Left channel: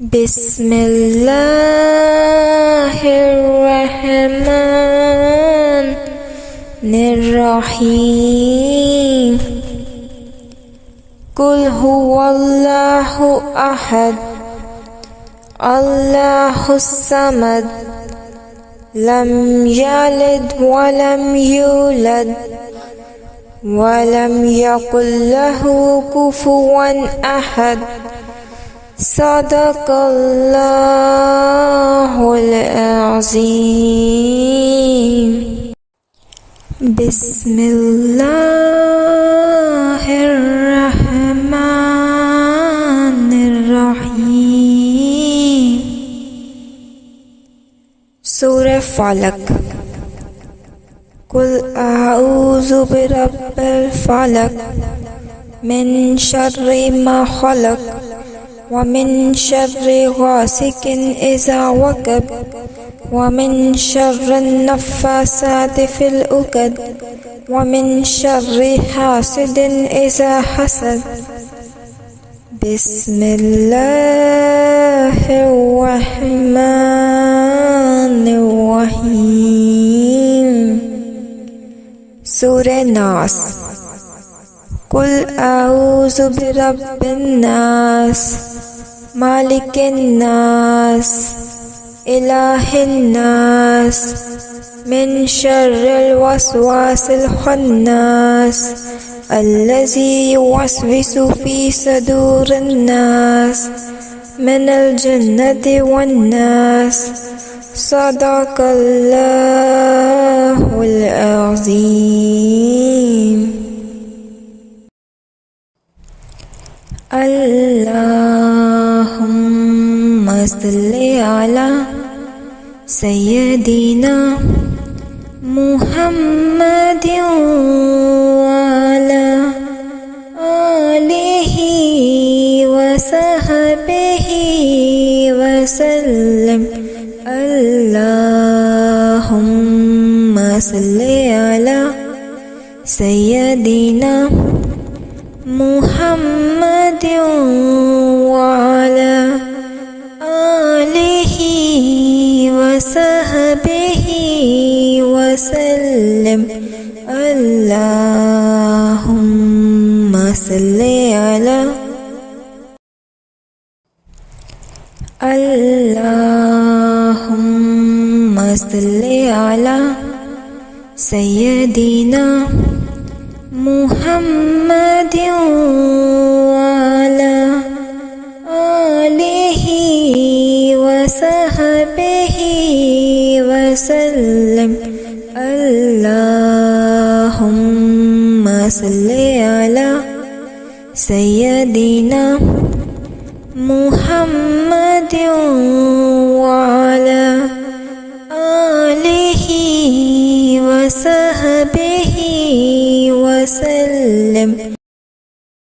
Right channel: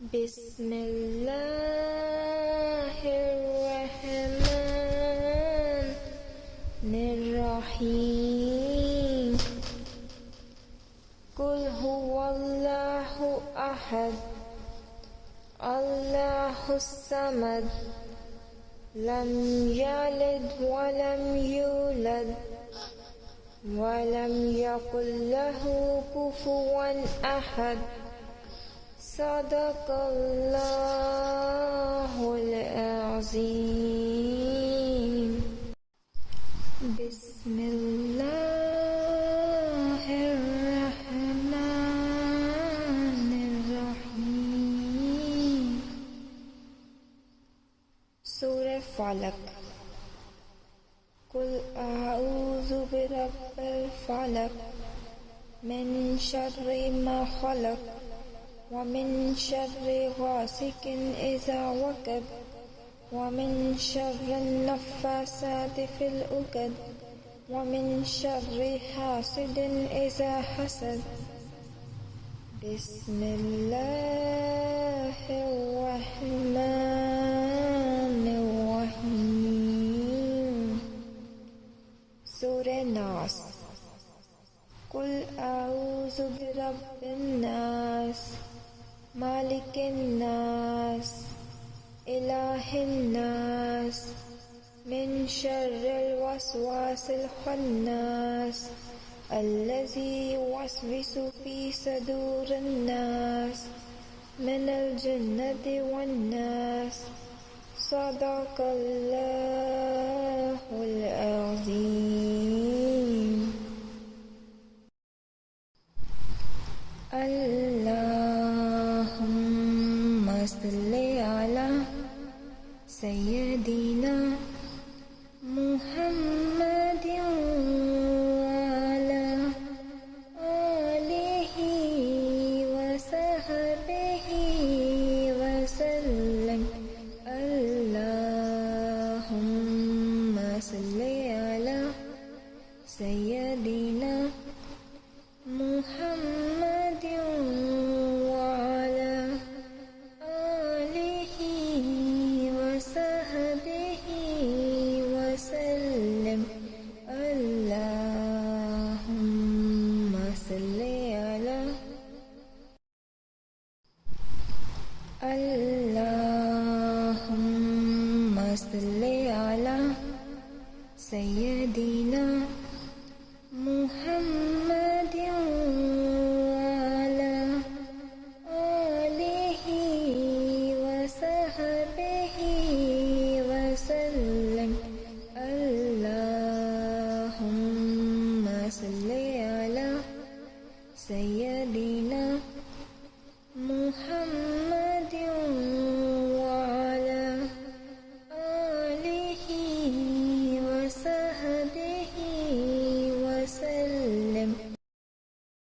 بسم الله الرحمن الرحيم قل هو الله أحد الله الصمد لم يلد ولم يولد ولم يكن له كفوا أحد صدق الله العظيم. بسم الله الرحمن الرحيم. سورة فلق. قل أعوذ برب الفلق من شر ما خلق ومن شر غاسق إذا وقب ومن شر النفاثات في العقد ومن شر حاسد إذا حسد. بسم الله الرحمن الرحيم. سورة ناس. قل أعوذ برب الناس مالك الناس إله الناس من شر الوسواس الخناس الذي يوسوس في صدور الناس من الجنة والناس. صدق الله العظيم. اللهم صل على سيدنا محمد وعلى آله وصحبه وسلم. اللهم صل على سيدنا محمد وعلى آله وصحبه وسلم. اللهم صل على اللهم صل على سيدنا محمد وعلى آله وصحبه وسلم. اللهم صل على سيدنا محمد وعلى آله وسلم.